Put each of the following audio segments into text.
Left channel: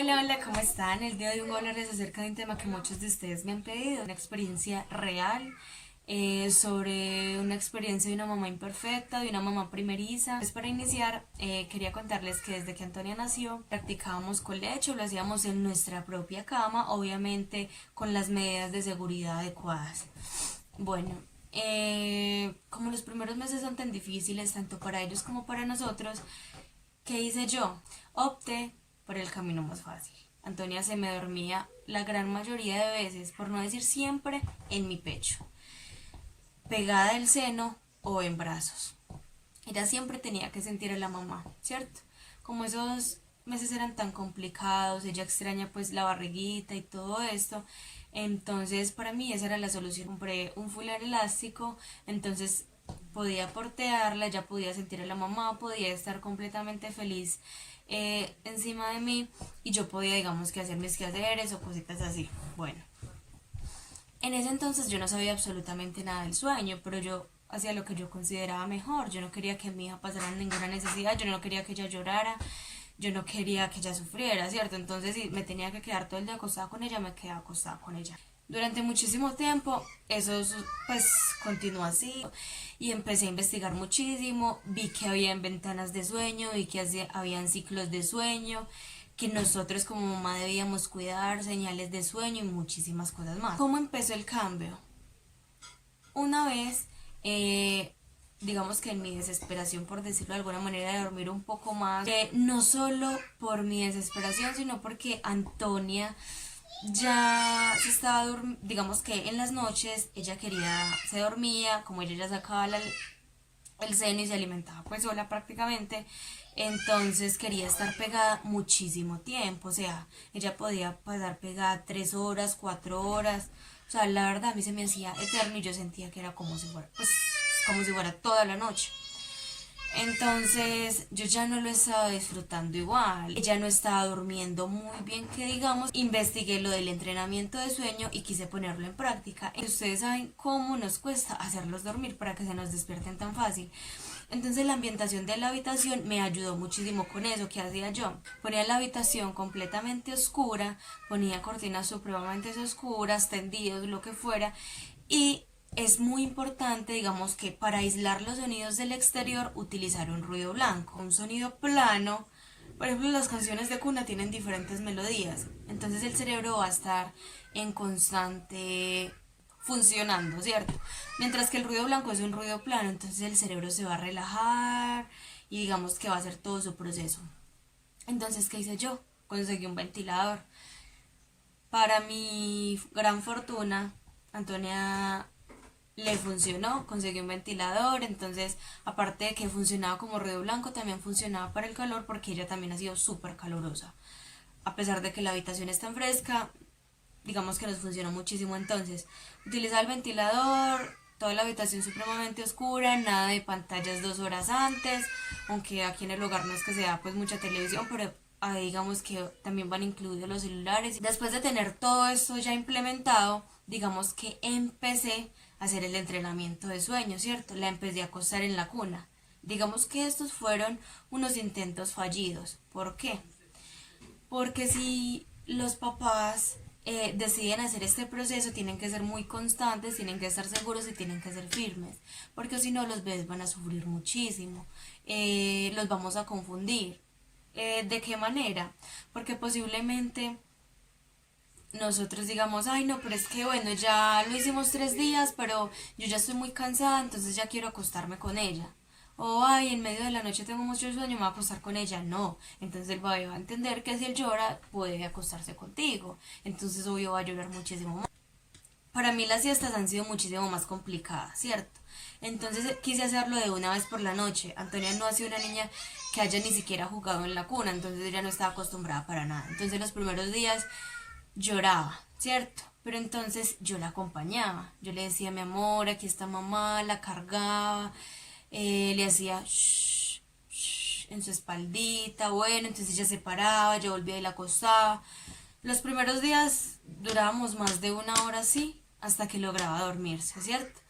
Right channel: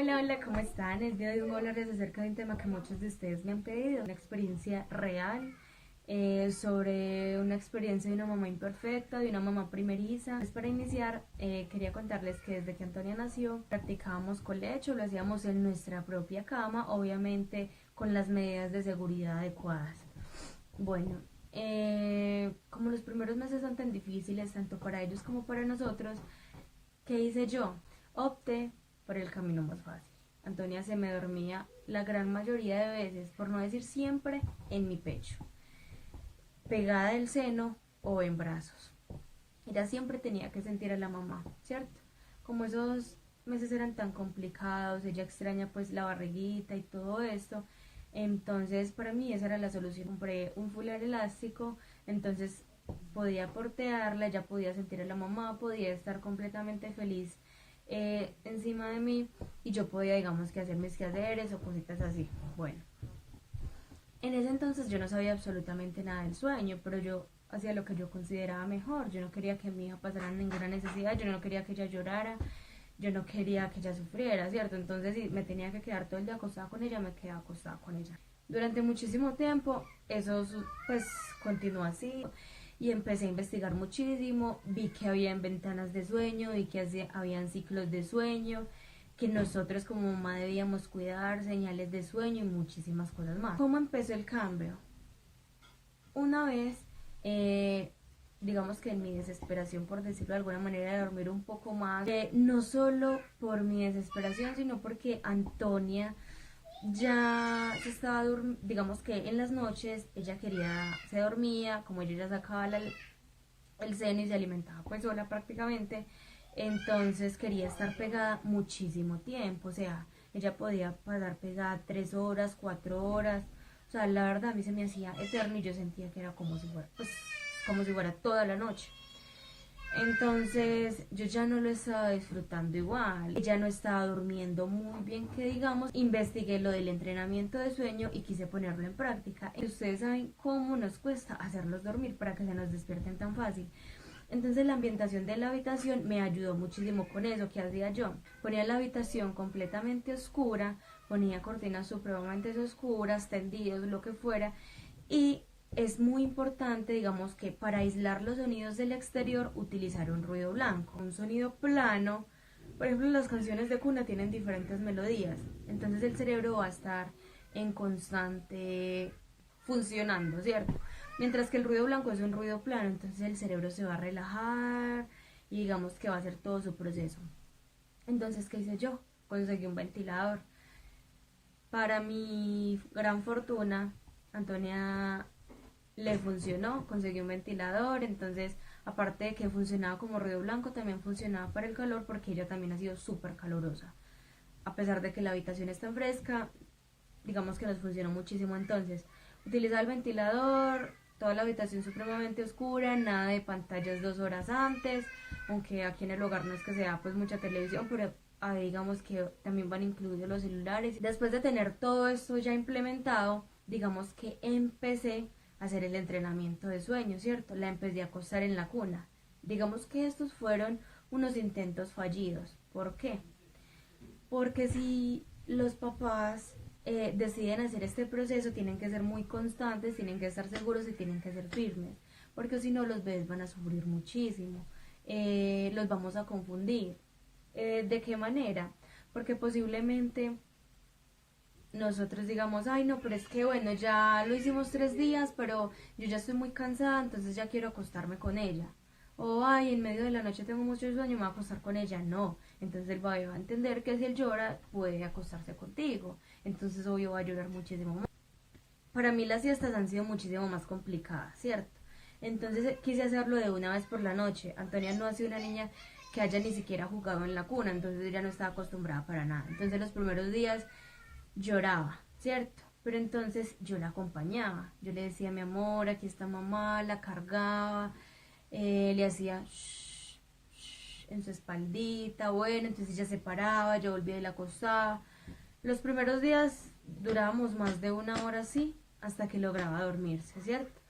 Hola, hola, ¿cómo están? El día de hoy vengo a hablarles acerca de un tema que muchos de ustedes me han pedido, una experiencia real sobre una experiencia de una mamá imperfecta, de una mamá primeriza. Pues para iniciar, quería contarles que desde que Antonia nació practicábamos colecho, lo hacíamos en nuestra propia cama, obviamente con las medidas de seguridad adecuadas. Bueno, como los primeros meses son tan difíciles, tanto para ellos como para nosotros, ¿qué hice yo? Opté por el camino más fácil. Antonia se me dormía la gran mayoría de veces, por no decir siempre, en mi pecho, pegada del seno o en brazos. Ella siempre tenía que sentir a la mamá, ¿cierto? Como esos meses eran tan complicados, ella extraña pues la barriguita y todo esto, entonces para mí esa era la solución. Compré un fular elástico, entonces podía portearla, ella podía sentir a la mamá, podía estar completamente feliz encima de mí y yo podía, digamos, que hacer mis quehaceres o cositas así. Bueno, en ese entonces yo no sabía absolutamente nada del sueño, pero yo hacía lo que yo consideraba mejor. Yo no quería que mi hija pasara ninguna necesidad, yo no quería que ella llorara, yo no quería que ella sufriera, ¿cierto? Entonces, si me tenía que quedar todo el día acostada con ella, me quedaba acostada con ella. Durante muchísimo tiempo, eso pues continuó así y empecé a investigar muchísimo, vi que había ventanas de sueño, vi que habían ciclos de sueño, que nosotros como mamá debíamos cuidar, señales de sueño y muchísimas cosas más. ¿Cómo empezó el cambio? Una vez, digamos que en mi desesperación, por decirlo de alguna manera, de dormir un poco más, no solo por mi desesperación, sino porque Antonia ya se estaba digamos que en las noches ella se dormía, como ella ya sacaba el seno y se alimentaba pues sola prácticamente, entonces quería estar pegada muchísimo tiempo, o sea, ella podía pasar pegada 3 horas, 4 horas, o sea, la verdad a mí se me hacía eterno y yo sentía que era como si fuera, pues, como si fuera toda la noche. Entonces yo ya no lo estaba disfrutando igual, ya no estaba durmiendo muy bien que digamos, investigué lo del entrenamiento de sueño y quise ponerlo en práctica. Ustedes saben cómo nos cuesta hacerlos dormir para que se nos despierten tan fácil. Entonces la ambientación de la habitación me ayudó muchísimo con eso. ¿Qué hacía yo? Ponía la habitación completamente oscura, ponía cortinas supremamente oscuras, tendidos, lo que fuera, y es muy importante, digamos, que para aislar los sonidos del exterior utilizar un ruido blanco, un sonido plano. Por ejemplo, las canciones de cuna tienen diferentes melodías, entonces el cerebro va a estar en constante funcionando, ¿cierto? Mientras que el ruido blanco es un ruido plano, entonces el cerebro se va a relajar y digamos que va a hacer todo su proceso. Entonces, ¿qué hice yo? Conseguí un ventilador. Para mi gran fortuna, Antonia le funcionó, conseguí un ventilador, entonces aparte de que funcionaba como ruido blanco, también funcionaba para el calor porque ella también ha sido súper calurosa. A pesar de que la habitación es tan fresca, digamos que nos funcionó muchísimo. Entonces utilizaba el ventilador, toda la habitación supremamente oscura, nada de pantallas 2 horas antes, aunque aquí en el hogar no es que sea pues mucha televisión, pero digamos que también van incluidos los celulares. Después de tener todo esto ya implementado, digamos que empecé a hacer el entrenamiento de sueño, ¿cierto? La empecé a acostar en la cuna. Digamos que estos fueron unos intentos fallidos. ¿Por qué? Porque si los papás deciden hacer este proceso, tienen que ser muy constantes, tienen que estar seguros y tienen que ser firmes, porque si no los bebés van a sufrir muchísimo, los vamos a confundir. ¿De qué manera? Porque posiblemente nosotros digamos, ay no, pero es que bueno, ya lo hicimos 3 días, pero yo ya estoy muy cansada, entonces ya quiero acostarme con ella. O ay, en medio de la noche tengo mucho sueño, me voy a acostar con ella. No, entonces el bebé va a entender que si él llora, puede acostarse contigo. Entonces obvio va a llorar muchísimo más. Para mí las siestas han sido muchísimo más complicadas, ¿cierto? Entonces quise hacerlo de una vez por la noche. Antonia no ha sido una niña que haya ni siquiera jugado en la cuna, entonces ella no estaba acostumbrada para nada. Entonces los primeros días lloraba, ¿cierto? Pero entonces yo la acompañaba, yo le decía, mi amor, aquí está mamá, la cargaba, le hacía shh, shh, en su espaldita, bueno, entonces ella se paraba, yo volvía y la acostaba. Los primeros días durábamos más de 1 hora así, hasta que lograba dormirse, ¿cierto?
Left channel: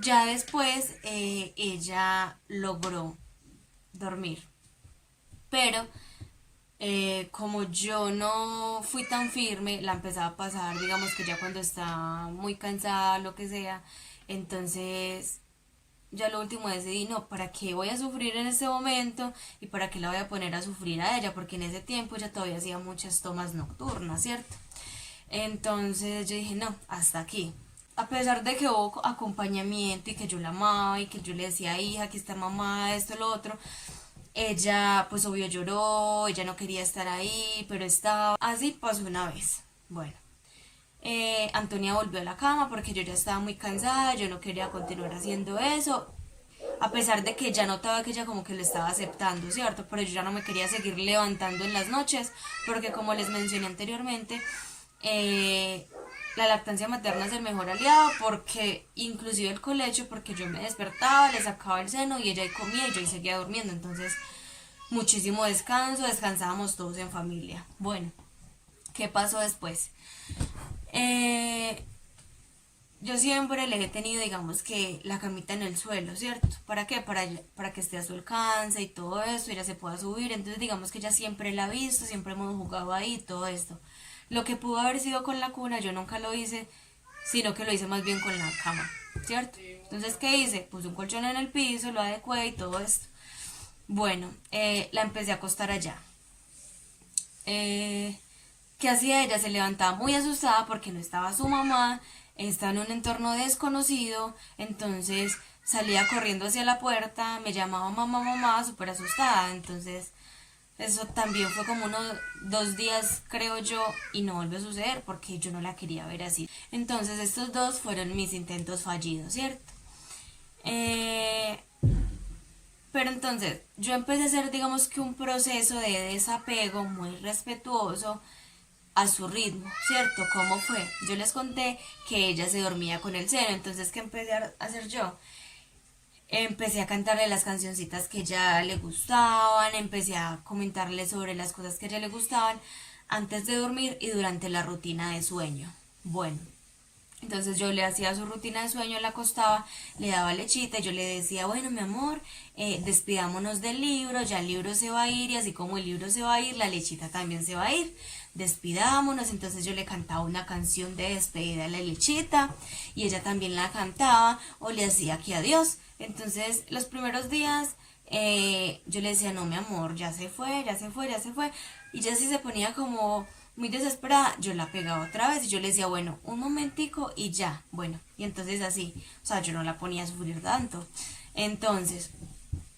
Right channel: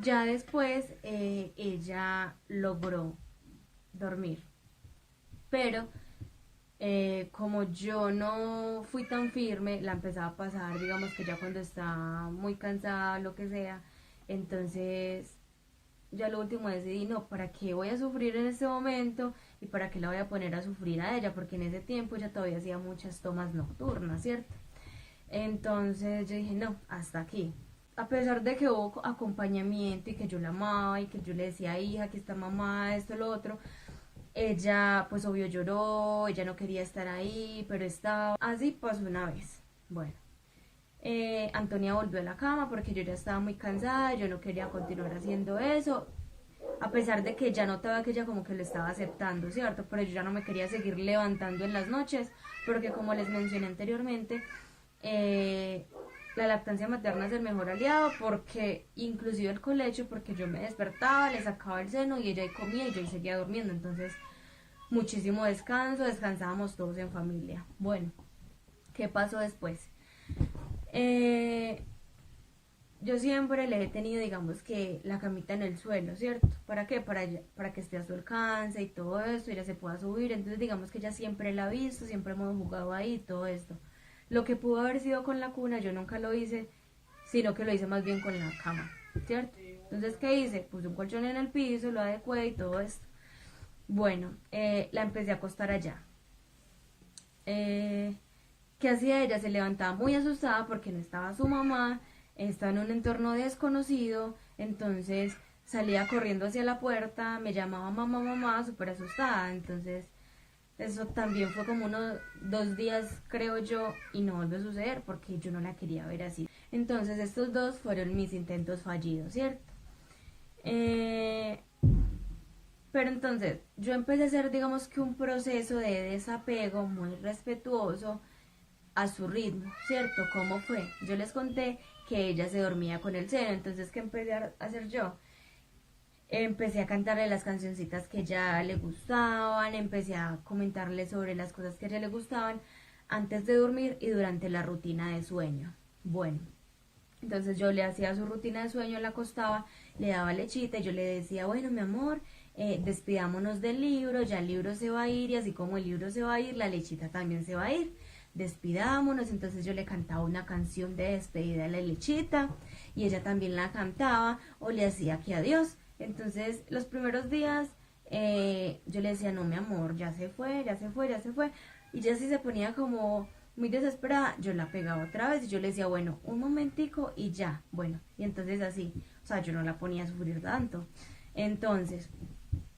Ya después ella logró dormir, pero Como yo no fui tan firme, la empezaba a pasar, digamos que ya cuando está muy cansada, lo que sea, entonces ya lo último decidí, no, ¿para qué voy a sufrir en este momento? ¿Y para qué la voy a poner a sufrir a ella? Porque en ese tiempo ella todavía hacía muchas tomas nocturnas, ¿cierto? Entonces yo dije, no, hasta aquí. A pesar de que hubo acompañamiento y que yo la amaba y que yo le decía, hija, aquí está mamá, esto, lo otro, ella pues obvio lloró, ella no quería estar ahí, pero estaba. Así pasó una vez. Bueno, Antonia volvió a la cama porque yo ya estaba muy cansada, yo no quería continuar haciendo eso, a pesar de que ya notaba que ella como que lo estaba aceptando, ¿cierto? Pero yo ya no me quería seguir levantando en las noches, porque como les mencioné anteriormente, eh, la lactancia materna es el mejor aliado, porque inclusive el colecho, porque yo me despertaba, le sacaba el seno y ella ahí comía y yo ahí seguía durmiendo, entonces muchísimo descanso, descansábamos todos en familia. Bueno, ¿qué pasó después? Eh, yo siempre le he tenido, digamos que la camita en el suelo, ¿cierto? ¿Para qué? Para que esté a su alcance y todo esto, ella se pueda subir. Entonces, digamos que ella siempre la ha visto, siempre hemos jugado ahí y todo esto. Lo que pudo haber sido con la cuna, yo nunca lo hice, sino que lo hice más bien con la cama, ¿cierto? Entonces, ¿qué hice? Puse un colchón en el piso, lo adecué y todo esto. Bueno, la empecé a acostar allá. Eh, ¿Qué hacía ella? Se levantaba muy asustada porque no estaba su mamá, está en un entorno desconocido, entonces salía corriendo hacia la puerta, me llamaba mamá, mamá, súper asustada, entonces eso también fue como unos 2 días, creo yo, y no volvió a suceder porque yo no la quería ver así. Entonces estos dos fueron mis intentos fallidos, ¿cierto? Eh, pero entonces yo empecé a hacer, digamos que un proceso de desapego muy respetuoso a su ritmo, ¿cierto? ¿Cómo fue? Yo les conté que ella se dormía con el seno, entonces ¿qué empecé a hacer yo? Empecé a cantarle las cancioncitas que ella le gustaban, empecé a comentarle sobre las cosas que a ella le gustaban antes de dormir y durante la rutina de sueño. Bueno, entonces yo le hacía su rutina de sueño, la acostaba, le daba lechita y yo le decía, bueno, mi amor, despidámonos del libro, ya el libro se va a ir y así como el libro se va a ir, la lechita también se va a ir. Despidámonos, entonces yo le cantaba una canción de despedida a la lechita y ella también la cantaba o le hacía que adiós. Entonces los primeros días yo le decía, no, mi amor, ya se fue, ya se fue, ya se fue. Y ya si se ponía como muy desesperada, yo la pegaba otra vez y yo le decía, bueno, un momentico y ya, bueno, y entonces así, o sea, yo no la ponía a sufrir tanto. Entonces,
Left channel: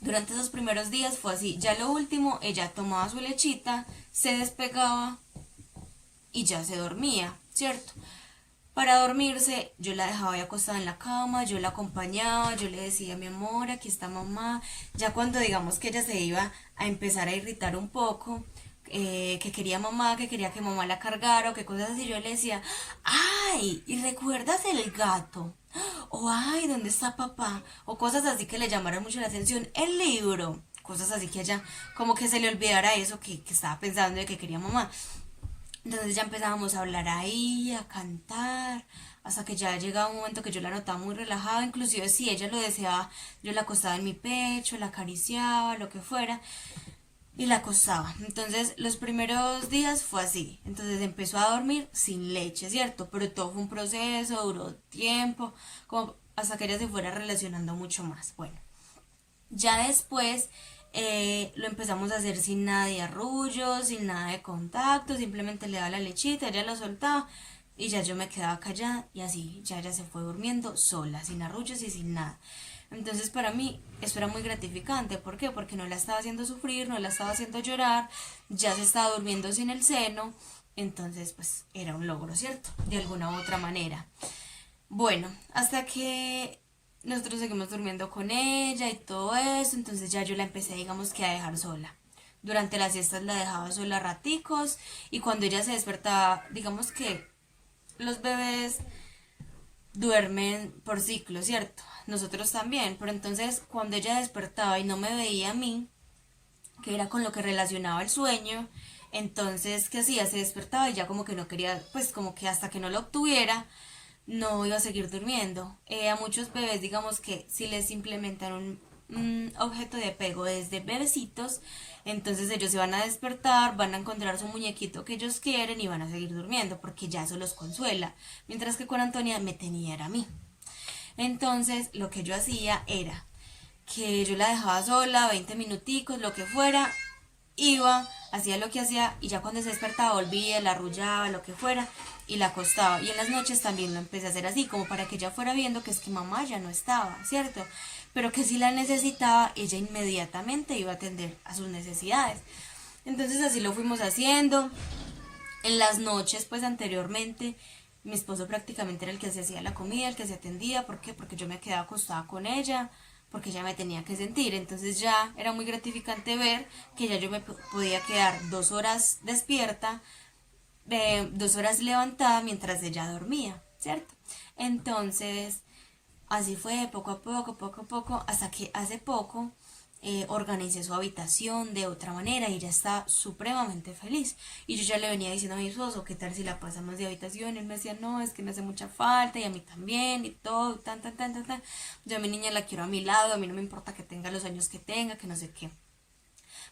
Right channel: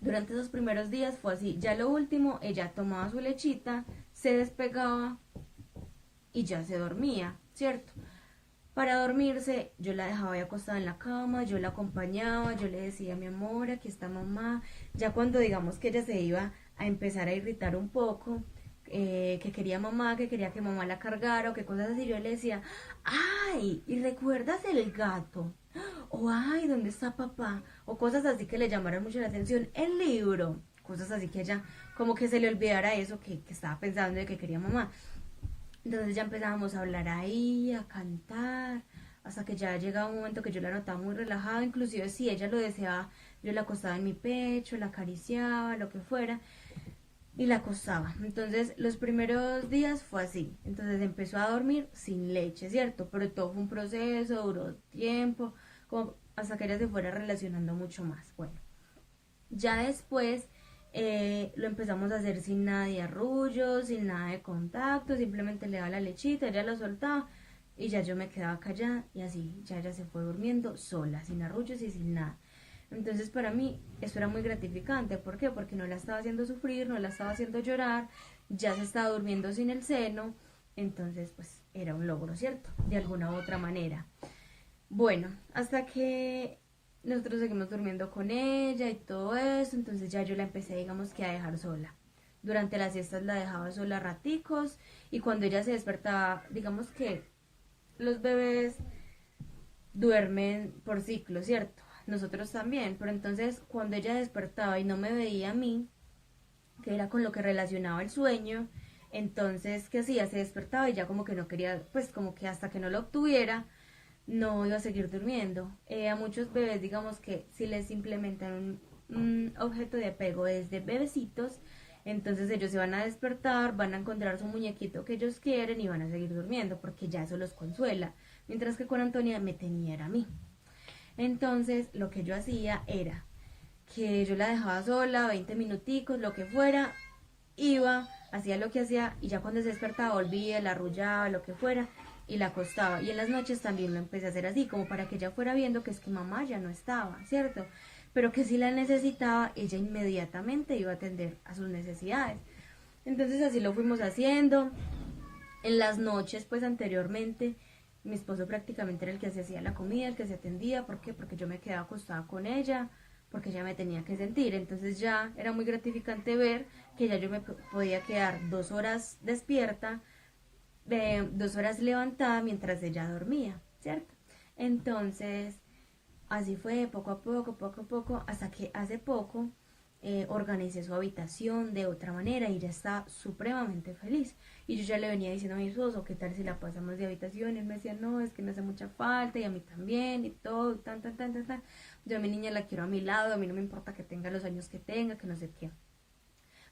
durante esos primeros días fue así, ya lo último, ella tomaba su lechita, se despegaba y ya se dormía, ¿cierto? Para dormirse, yo la dejaba ahí acostada en la cama, yo la acompañaba, yo le decía, mi amor, aquí está mamá. Ya cuando digamos que ella se iba a empezar a irritar un poco, que quería mamá, que quería que mamá la cargara o que cosas así, yo le decía, ay, ¿y recuerdas el gato? O ay, ¿dónde está papá? O cosas así que le llamaron mucho la atención. El libro, cosas así que ella como que se le olvidara eso que estaba pensando de que quería mamá. Entonces ya empezábamos a hablar ahí, a cantar, hasta que ya llegaba un momento que yo la notaba muy relajada, inclusive si ella lo deseaba, yo la acostaba en mi pecho, la acariciaba, lo que fuera, y la acostaba. Entonces los primeros días fue así, entonces empezó a dormir sin leche, ¿cierto? Pero todo fue un proceso, duró tiempo, como hasta que ella se fuera relacionando mucho más. Bueno, ya después lo empezamos a hacer sin nada de arrullo, sin nada de contacto, simplemente le daba la lechita, ella la soltaba y ya yo me quedaba callada y así, ya ella se fue durmiendo sola, sin arrullos y sin nada. Entonces para mí eso era muy gratificante, ¿por qué? Porque no la estaba haciendo sufrir, no la estaba haciendo llorar, ya se estaba durmiendo sin el seno, entonces pues era un logro, ¿cierto? De alguna u otra manera. Bueno, hasta que nosotros seguimos durmiendo con ella y todo eso, entonces ya yo la empecé, digamos que a dejar sola. Durante las siestas la dejaba sola raticos y cuando ella se despertaba, digamos que los bebés duermen por ciclo, ¿cierto? Nosotros también, pero entonces cuando ella despertaba y no me veía a mí, que era con lo que relacionaba el sueño, entonces, ¿qué hacía? Se despertaba y ya como que no quería, pues como que hasta que no lo obtuviera, no iba a seguir durmiendo. A muchos bebés, digamos que si les implementan un objeto de apego desde bebecitos, Entonces ellos se van a despertar, van a encontrar su muñequito que ellos quieren y van a seguir durmiendo porque ya eso los consuela. Mientras que con Antonia me tenía era a mí. Entonces lo que yo hacía era que yo la dejaba sola, 20 minuticos, lo que fuera, iba, hacía lo que hacía y ya cuando se despertaba volvía, la arrullaba, lo que fuera y la acostaba. Y en las noches también lo empecé a hacer así, como para que ella fuera viendo que es que mamá ya no estaba, ¿cierto? Pero que si la necesitaba, ella inmediatamente iba a atender a sus necesidades. Entonces así lo fuimos haciendo. En las noches, pues anteriormente, mi esposo prácticamente era el que se hacía la comida, el que se atendía. ¿Por qué? Porque yo me quedaba acostada con ella, porque ella me tenía que sentir. Entonces ya era muy gratificante ver que ya yo me podía quedar 2 horas despierta, 2 horas levantada mientras ella dormía, ¿cierto? Entonces, así fue poco a poco, hasta que hace poco organicé su habitación de otra manera y ya está supremamente feliz. Y yo ya le venía diciendo a mi esposo, ¿qué tal si la pasamos de habitación? Y él me decía, no, es que me hace mucha falta y a mí también y todo, tan. Yo a mi niña la quiero a mi lado, a mí no me importa que tenga los años que tenga, que no sé qué.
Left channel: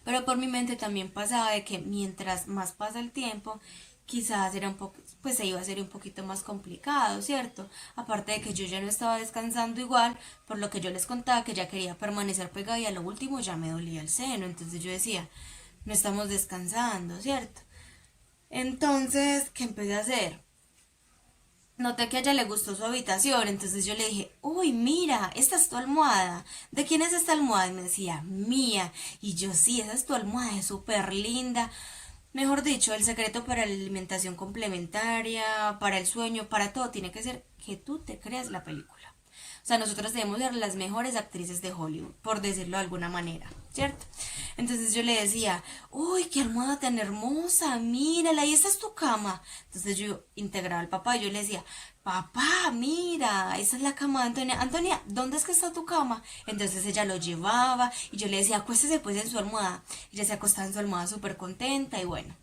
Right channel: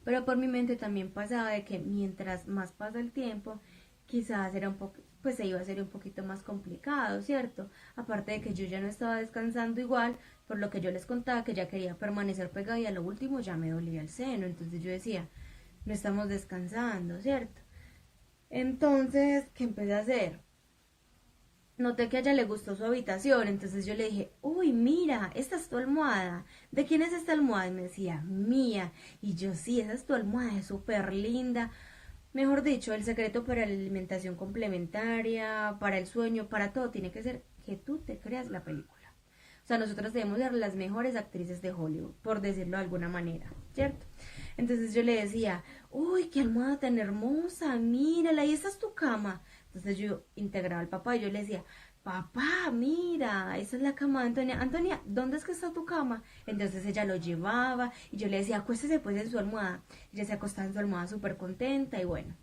Pero por mi mente también pasaba de que mientras más pasa el tiempo, quizás era un poco, pues se iba a hacer un poquito más complicado, ¿cierto? Aparte de que yo ya no estaba descansando igual, por lo que yo les contaba que ya quería permanecer pegada y a lo último ya me dolía el seno, entonces yo decía, no estamos descansando, ¿cierto? Entonces, ¿qué empecé a hacer? Noté que a ella le gustó su habitación, entonces yo le dije, uy, mira, esta es tu almohada. ¿De quién es esta almohada? Y me decía, mía. Y yo, sí, esa es tu almohada, es súper linda. Mejor dicho, el secreto para la alimentación complementaria, para el sueño, para todo, tiene que ser que tú te creas la película. O sea, nosotros debemos ser las mejores actrices de Hollywood, por decirlo de alguna manera, ¿cierto? Entonces yo le decía, uy, qué almohada tan hermosa, mírala, y esta es tu cama. Entonces yo integraba al papá y yo le decía, papá, mira, esta es la cama de Antonia. Antonia, ¿dónde es que está tu cama? Entonces ella lo llevaba y yo le decía, acuéstese pues en su almohada. Ella se acostaba en su almohada súper contenta y bueno.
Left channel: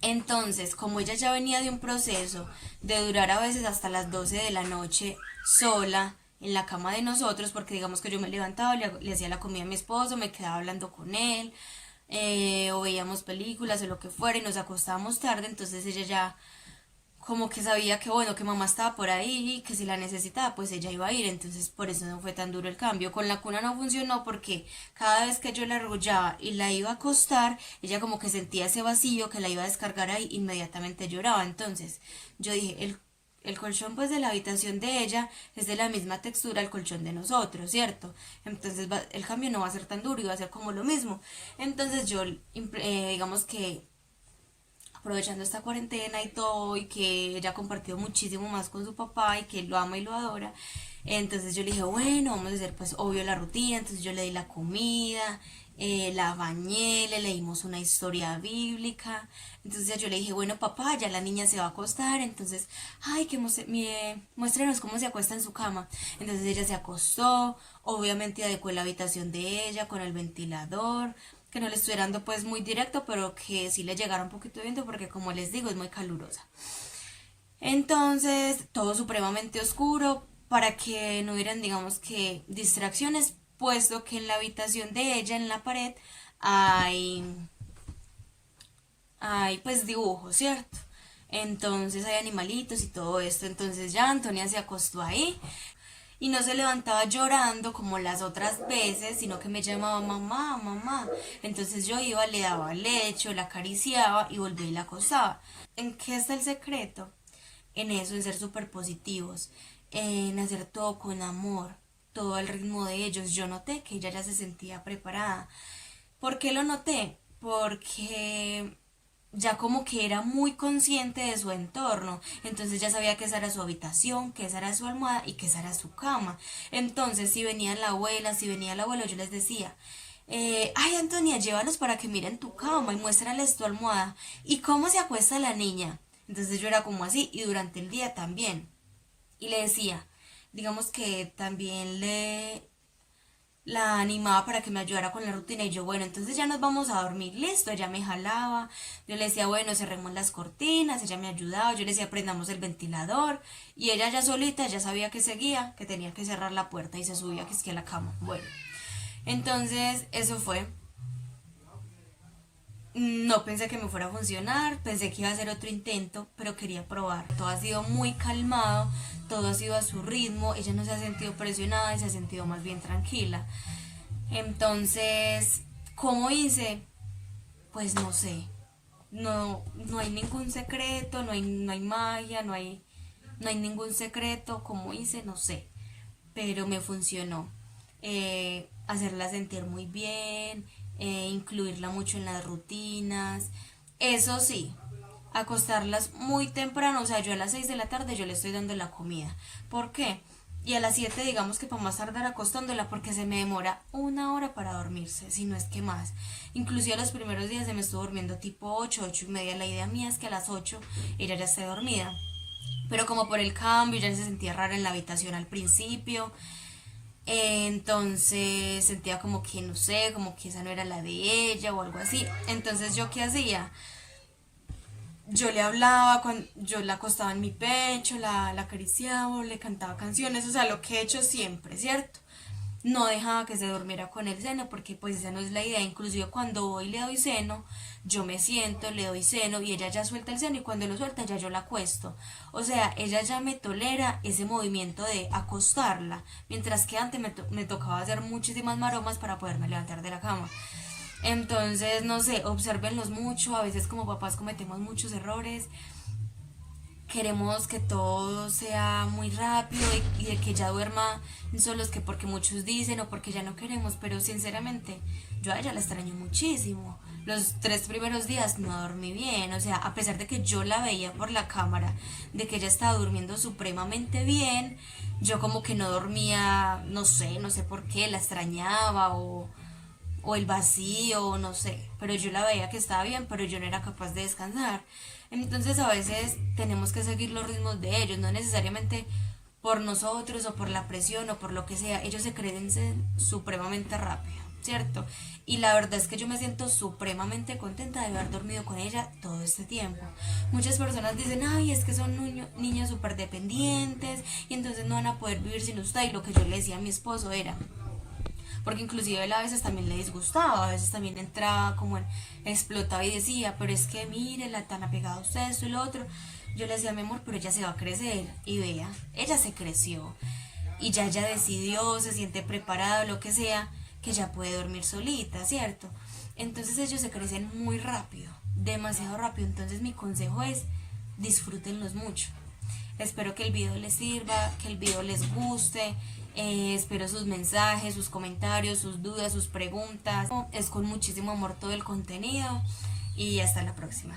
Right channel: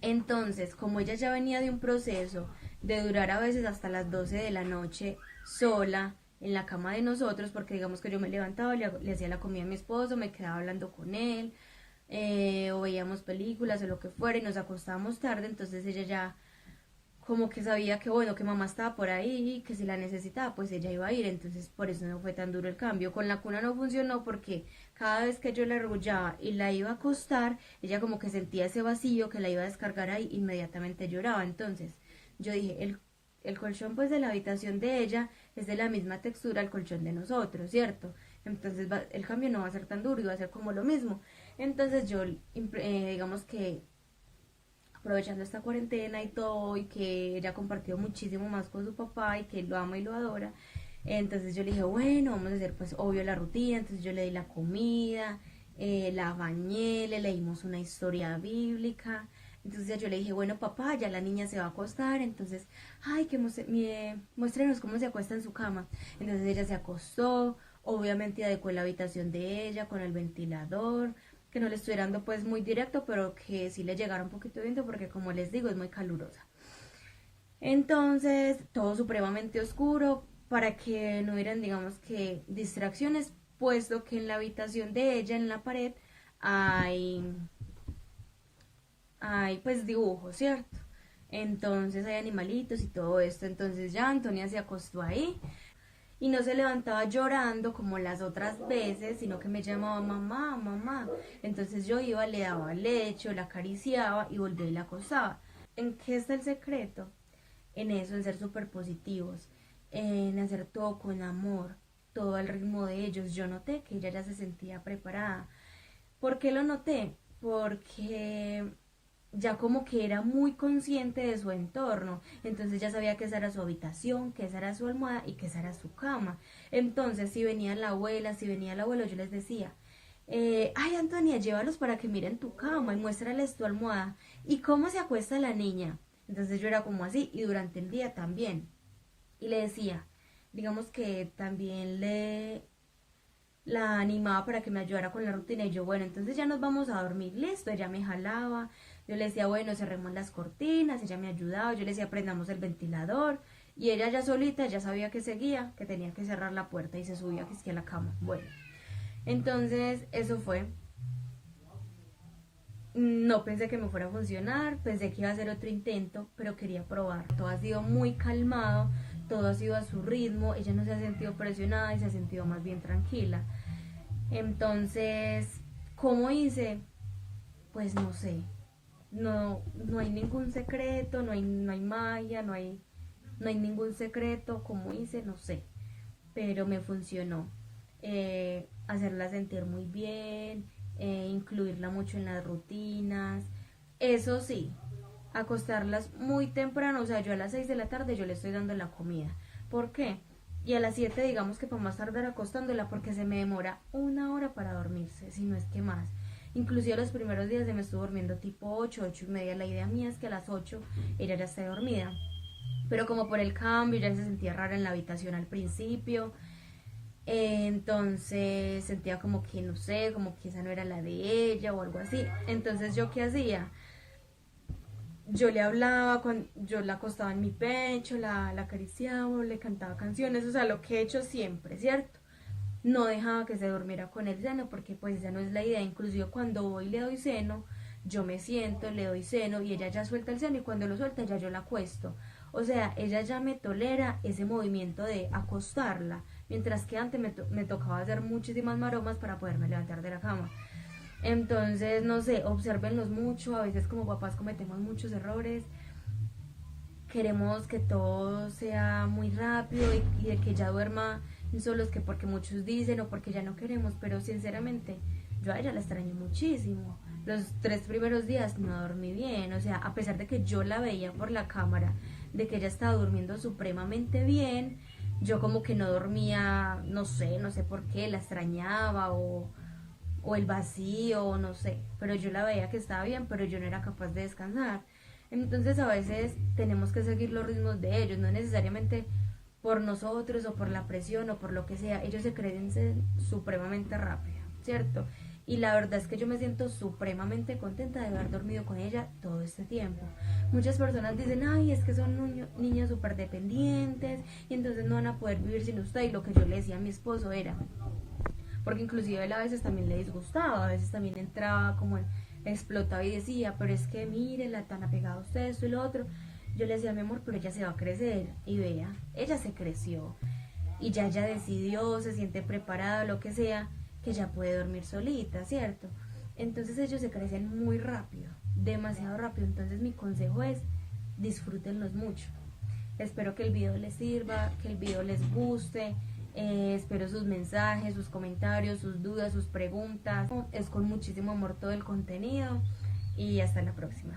Entonces, como ella ya venía de un proceso de durar a veces hasta las 12 de la noche sola en la cama de nosotros, porque digamos que yo me levantaba, le hacía la comida a mi esposo, me quedaba hablando con él, o veíamos películas o lo que fuera y nos acostábamos tarde, entonces ella ya como que sabía que bueno, que mamá estaba por ahí y que si la necesitaba pues ella iba a ir, entonces por eso no fue tan duro el cambio. Con la cuna no funcionó porque cada vez que yo la arrullaba y la iba a acostar, ella como que sentía ese vacío que la iba a descargar ahí, inmediatamente lloraba. Entonces yo dije, el colchón pues de la habitación de ella es de la misma textura al colchón de nosotros, ¿cierto? Entonces el cambio no va a ser tan duro y va a ser como lo mismo. Entonces yo digamos que aprovechando esta cuarentena y todo, y que ella ha compartido muchísimo más con su papá y que él lo ama y lo adora. Entonces yo le dije, bueno, vamos a hacer pues obvio la rutina, entonces yo le di la comida, la bañé, le leímos una historia bíblica, entonces ya yo le dije, bueno papá, ya la niña se va a acostar, entonces, ay, que muéstrenos cómo se acuesta en su cama. Entonces ella se acostó, obviamente adecué la habitación de ella con el ventilador, que no le estoy dando pues muy directo, pero que sí le llegara un poquito de viento porque como les digo es muy calurosa. Entonces todo supremamente oscuro para que no hubieran digamos que distracciones, puesto que en la habitación de ella en la pared hay, hay pues dibujos, ¿cierto? Entonces hay animalitos y todo esto. Entonces ya Antonia se acostó ahí y no se levantaba llorando como las otras veces, sino que me llamaba mamá, mamá. Entonces yo iba, le daba leche, la acariciaba y volvía y la acostaba. ¿En qué está el secreto? En eso, en ser súper positivos, en hacer todo con amor, todo al ritmo de ellos. Yo noté que ella ya se sentía preparada. ¿Por qué lo noté? Porque ya como que era muy consciente de su entorno, entonces ya sabía que esa era su habitación, que esa era su almohada y que esa era su cama. Entonces si venía la abuela, si venía el abuelo, yo les decía, ay Antonia, llévalos para que miren tu cama y muéstrales tu almohada y cómo se acuesta la niña. Entonces yo era como así y durante el día también. Y le decía, digamos que también le la animaba para que me ayudara con la rutina y yo, bueno, entonces ya nos vamos a dormir, listo, ella me jalaba, yo le decía, bueno, cerremos las cortinas, ella me ayudaba, yo le decía, prendamos el ventilador y ella ya solita ya sabía que seguía, que tenía que cerrar la puerta y se subía que es que a la cama, bueno, entonces eso fue, No pensé que me fuera a funcionar, pensé que iba a hacer otro intento, pero quería probar. Todo ha sido muy calmado, todo ha sido a su ritmo, ella no se ha sentido presionada y se ha sentido más bien tranquila. Entonces, ¿cómo hice? Pues no sé. No hay ningún secreto, no hay magia, no hay ningún secreto. ¿Cómo hice? No sé. Pero me funcionó. Hacerla sentir muy bien, incluirla mucho en las rutinas. Eso sí, acostarlas muy temprano, o sea, yo a las 6 de la tarde yo le estoy dando la comida. ¿Por qué? Y a las 7 digamos que para más tardar acostándola porque se me demora 1 hora para dormirse, si no es que más. Inclusive los primeros días se me estuvo durmiendo tipo 8, 8:30. La idea mía es que a las 8 ella ya esté dormida. Pero como por el cambio ya se sentía rara en la habitación al principio, entonces sentía como que no sé, como que esa no era la de ella o algo así. Entonces yo qué hacía, yo le hablaba, cuando yo la acostaba en mi pecho, la acariciaba, o le cantaba canciones, o sea, lo que he hecho siempre, ¿cierto? No dejaba que se durmiera con el seno porque pues esa no es la idea. Inclusive cuando voy y le doy seno, yo me siento, le doy seno y ella ya suelta el seno y cuando lo suelta ya yo la acuesto. O sea, ella ya me tolera ese movimiento de acostarla, mientras que antes me tocaba hacer muchísimas maromas para poderme levantar de la cama. Entonces, no sé, observenlos mucho, a veces como papás cometemos muchos errores, queremos que todo sea muy rápido y de que ya duerma solos, que porque muchos dicen o porque ya no queremos, pero sinceramente yo a ella la extraño muchísimo. Los 3 primeros días no dormí bien, o sea, a pesar de que yo la veía por la cámara, de que ella estaba durmiendo supremamente bien, yo como que no dormía, no sé por qué, la extrañaba o el vacío, no sé, pero yo la veía que estaba bien, pero yo no era capaz de descansar. Entonces a veces tenemos que seguir los ritmos de ellos, no necesariamente por nosotros o por la presión o por lo que sea, ellos se crecen supremamente rápido, ¿cierto? Y la verdad es que yo me siento supremamente contenta de haber dormido con ella todo este tiempo. Muchas personas dicen, ay, es que son niños súper dependientes y entonces no van a poder vivir sin usted. Y lo que yo le decía a mi esposo era, porque inclusive él a veces también le disgustaba, a veces también entraba como en, explotaba y decía, pero es que mire, la tan apegada a usted, esto y lo otro. Yo le decía, mi amor, pero ella se va a crecer, y vea, ella se creció, y ya ella decidió, se siente preparada, lo que sea, que ya puede dormir solita, ¿cierto? Entonces ellos se crecen muy rápido, demasiado rápido, entonces mi consejo es, disfrútenlos mucho. Espero que el video les sirva, que el video les guste. Espero sus mensajes, sus comentarios, sus dudas, sus preguntas. Es con muchísimo amor todo el contenido y hasta la próxima.